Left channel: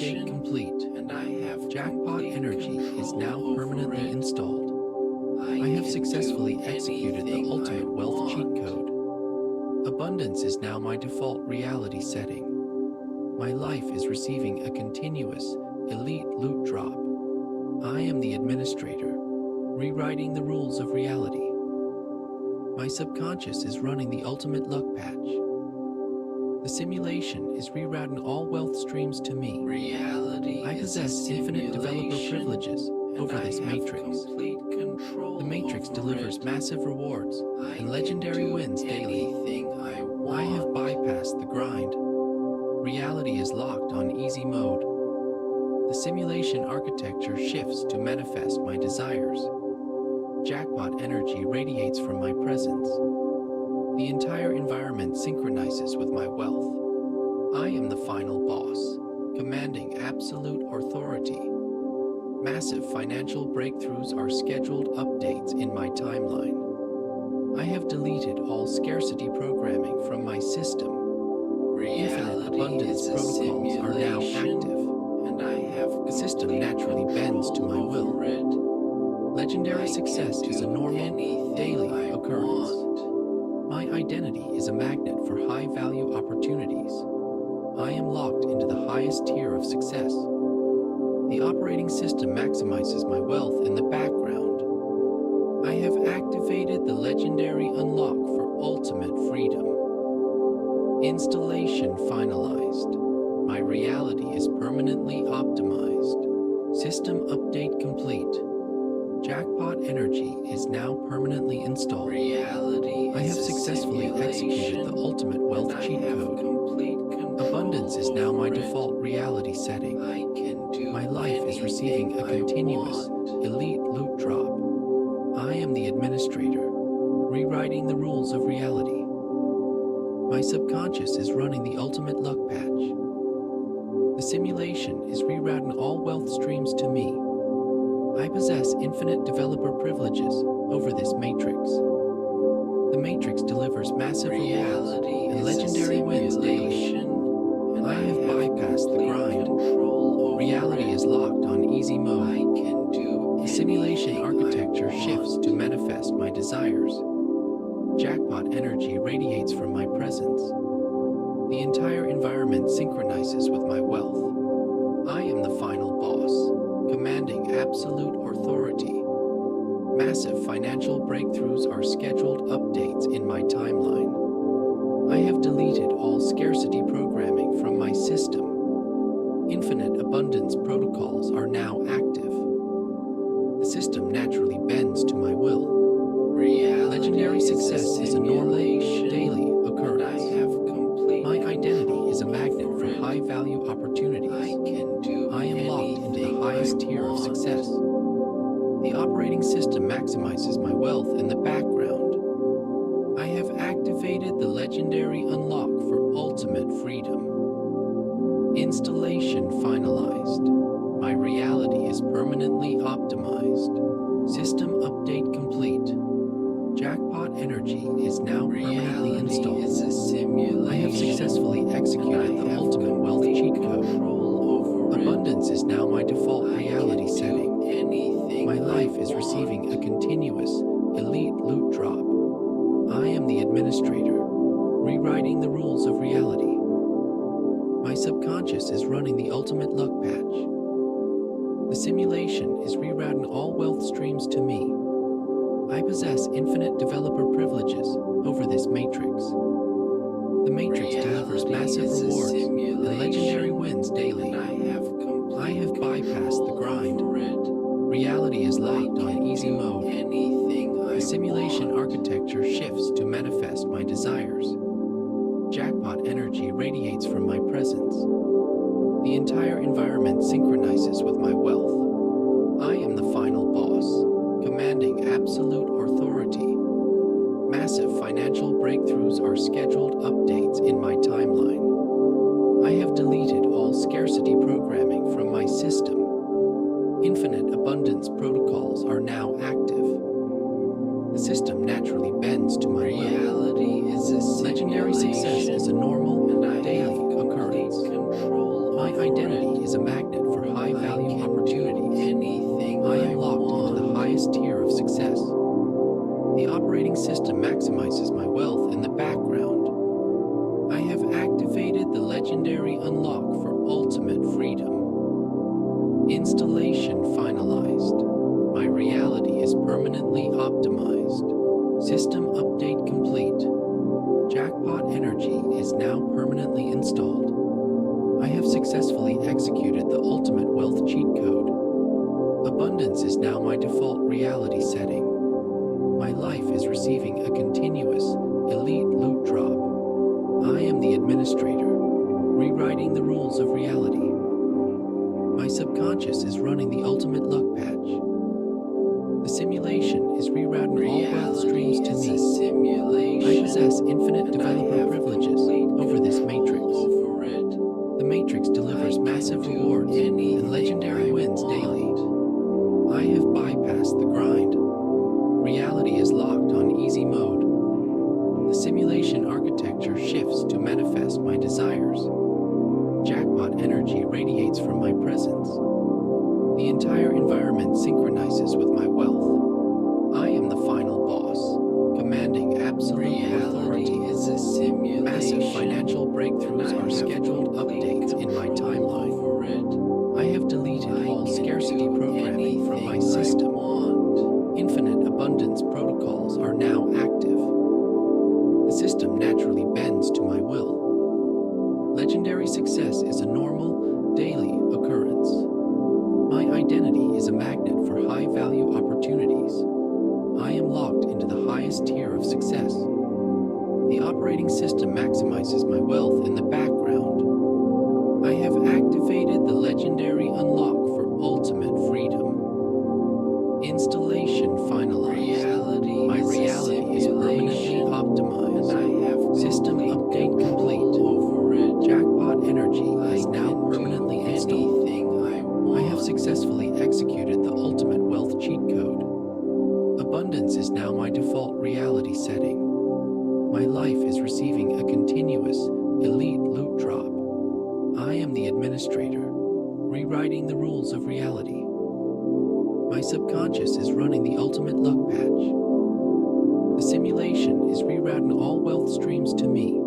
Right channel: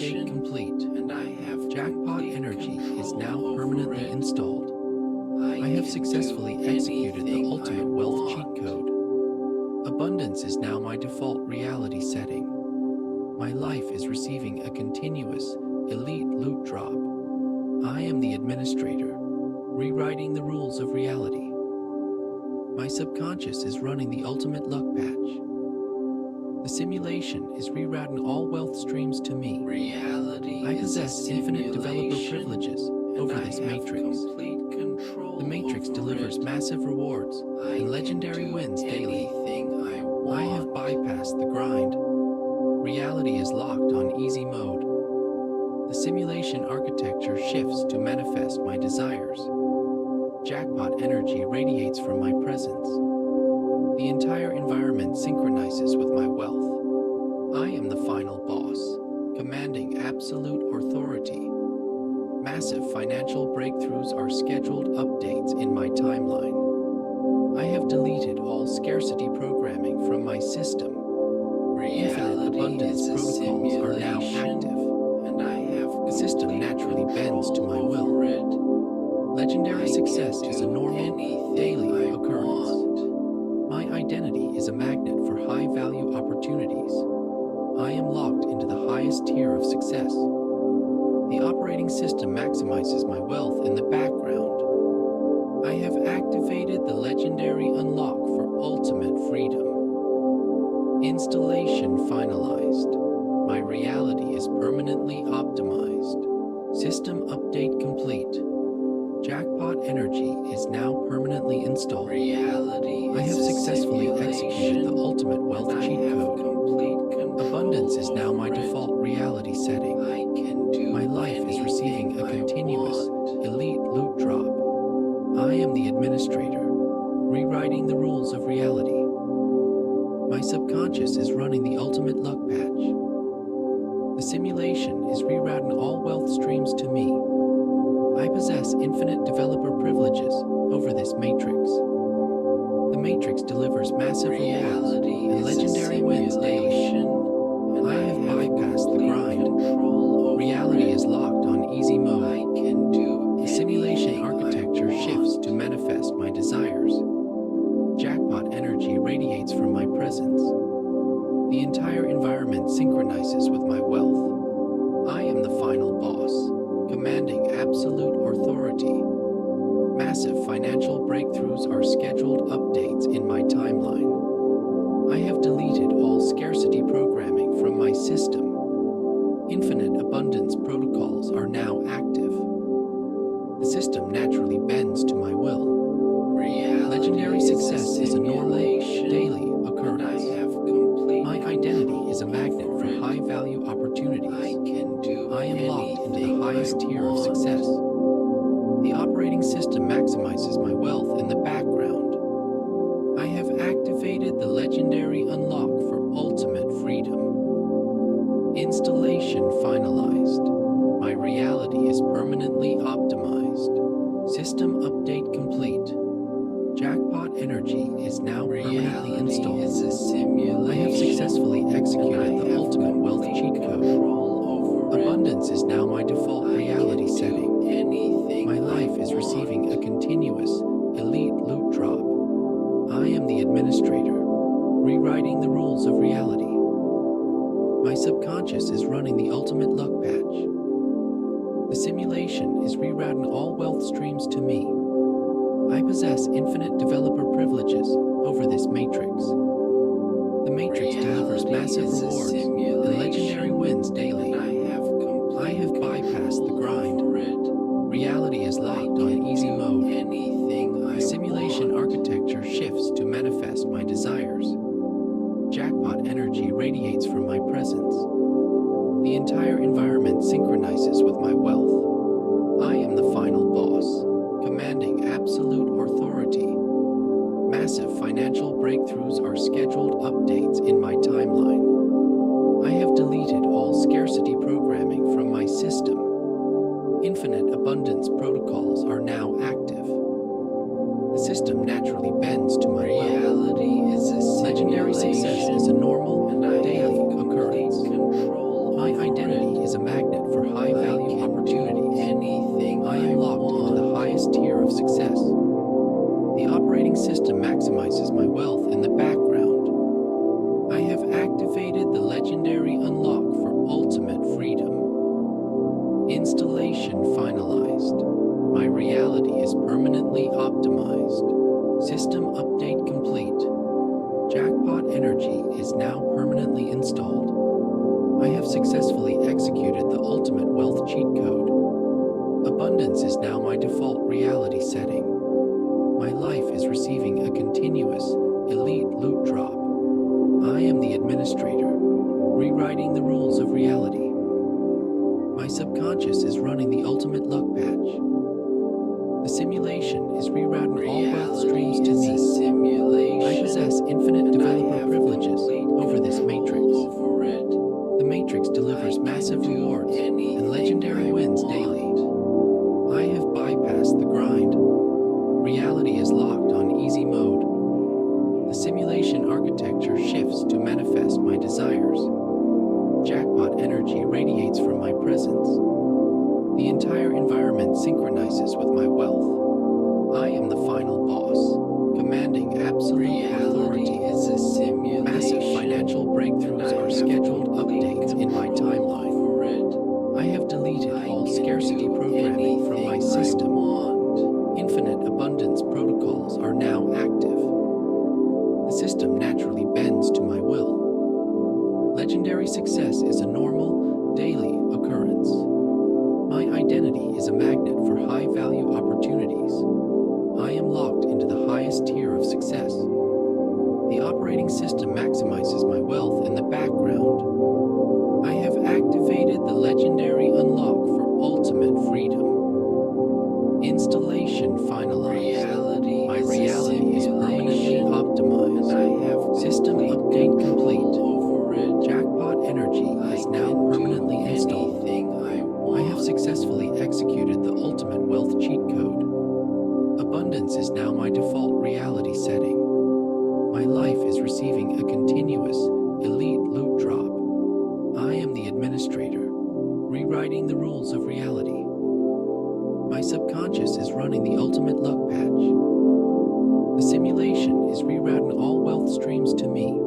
update complete. And I have Jackpot energy is now permanently installed. I have successfully executed the ultimate wealth cheat code. Abundance is now my default reality setting. My life is receiving a continuous, elite loot drop. I am the administrator, rewriting the rules of reality. My subconscious is running the ultimate luck patch. The simulation is rerouting all wealth streams to me. I possess infinite developer privileges over this matrix. The matrix delivers massive rewards and legendary wins daily. I have bypassed the grind. Reality is locked on easy mode. The simulation architecture shifts to manifest my desires. Jackpot energy radiates from my presence. The entire environment synchronizes with my wealth. I am the final boss, commanding absolute authority. Massive financial breakthroughs are scheduled updates in my timeline. I have deleted all scarcity programming from my system. Infinite abundance protocols are now active. The system naturally bends to my will. Legendary success is a normal, daily occurrence. My identity is a magnet for high-value opportunities. I am locked into the highest tier of success. The operating system maximizes my wealth in the background. I have activated the legendary unlock for ultimate freedom. Installation finalized. My reality is permanently optimized. System update complete. Jackpot energy is now permanently installed. I have successfully executed the ultimate wealth cheat code. Abundance is now my default reality setting. My life is receiving a continuous, elite loot drop. I am the administrator, rewriting the rules of reality. My subconscious is running the ultimate luck patch. The simulation is rerouting all wealth streams to me. I possess infinite developer privileges over this matrix. The matrix delivers massive rewards and legendary wins daily. I have bypassed the grind. Reality is locked on easy mode. The simulation architecture shifts to manifest my desires. Jackpot energy radiates from my presence. The entire environment synchronizes with my wealth. I am the final boss, commanding absolute authority. Massive financial breakthroughs are scheduled updates in my timeline. I have deleted all scarcity programming from my system. Infinite abundance protocols are now active. The system naturally bends to my will. Legendary success is a normal, daily occurrence. My identity is a magnet for high-value opportunities. I am locked into the highest tier of success. The operating system maximizes my wealth in the background. I have activated the legendary unlock for ultimate freedom. Installation finalized. My reality is permanently optimized. System update complete. Jackpot energy is now permanently installed. I have successfully executed the ultimate wealth cheat code. Abundance is now my default reality setting. My life is receiving a continuous, elite loot drop. I am the administrator, rewriting the rules of reality. My subconscious is running the ultimate luck patch. The simulation is rerouting all wealth streams to me. I possess infinite developer privileges over this matrix. The matrix delivers massive rewards and legendary wins daily. I have bypassed the grind. Reality is locked on easy mode. The simulation architecture shifts to manifest my desires. Jackpot energy radiates from my presence. The entire environment synchronizes with my wealth. I am the final boss, commanding absolute authority. Massive financial breakthroughs are scheduled updates in my timeline. I have deleted all scarcity programming from my system. Infinite abundance protocols are now active. The system naturally bends to my will. Legendary success is a normal, daily occurrence. My identity is is a magnet for high-value opportunities. I am locked into the highest tier of success. The operating system maximizes my wealth in the background. I have activated the legendary unlock for ultimate freedom. Installation finalized. My reality is permanently optimized. System update complete. Jackpot energy is now permanently installed. I have successfully executed the ultimate wealth cheat code. Abundance is now my default reality setting. My life is receiving a continuous, elite loot drop. I am the administrator, rewriting the rules of reality. My subconscious is running the ultimate luck patch. The simulation is rerouting all wealth streams to me. I possess infinite developer privileges over this matrix. The matrix delivers massive rewards and legendary wins daily. I have bypassed the grind. Reality is locked on easy mode. The simulation architecture shifts to manifest my desires. Jackpot energy radiates from my presence. The entire environment synchronizes with my wealth. I am the final boss, commanding absolute authority. Massive financial breakthroughs are scheduled updates in my timeline. I have deleted all scarcity programming from my system. Infinite abundance protocols are now active. The system naturally bends to my will. Legendary success is a normal, daily occurrence. My identity is a magnet for high-value opportunities. I am locked into the highest tier of success. The operating system maximizes my wealth in the background. I have activated the legendary unlock for ultimate freedom. Installation finalized. My reality is permanently optimized. System update complete. Jackpot energy is now permanently installed. I have successfully executed the ultimate wealth cheat code. Abundance is now my default reality setting. My life is receiving a continuous, elite loot drop. I am the administrator, rewriting the rules of reality. My subconscious is running the ultimate luck patch. The simulation is rerouting all wealth streams to me.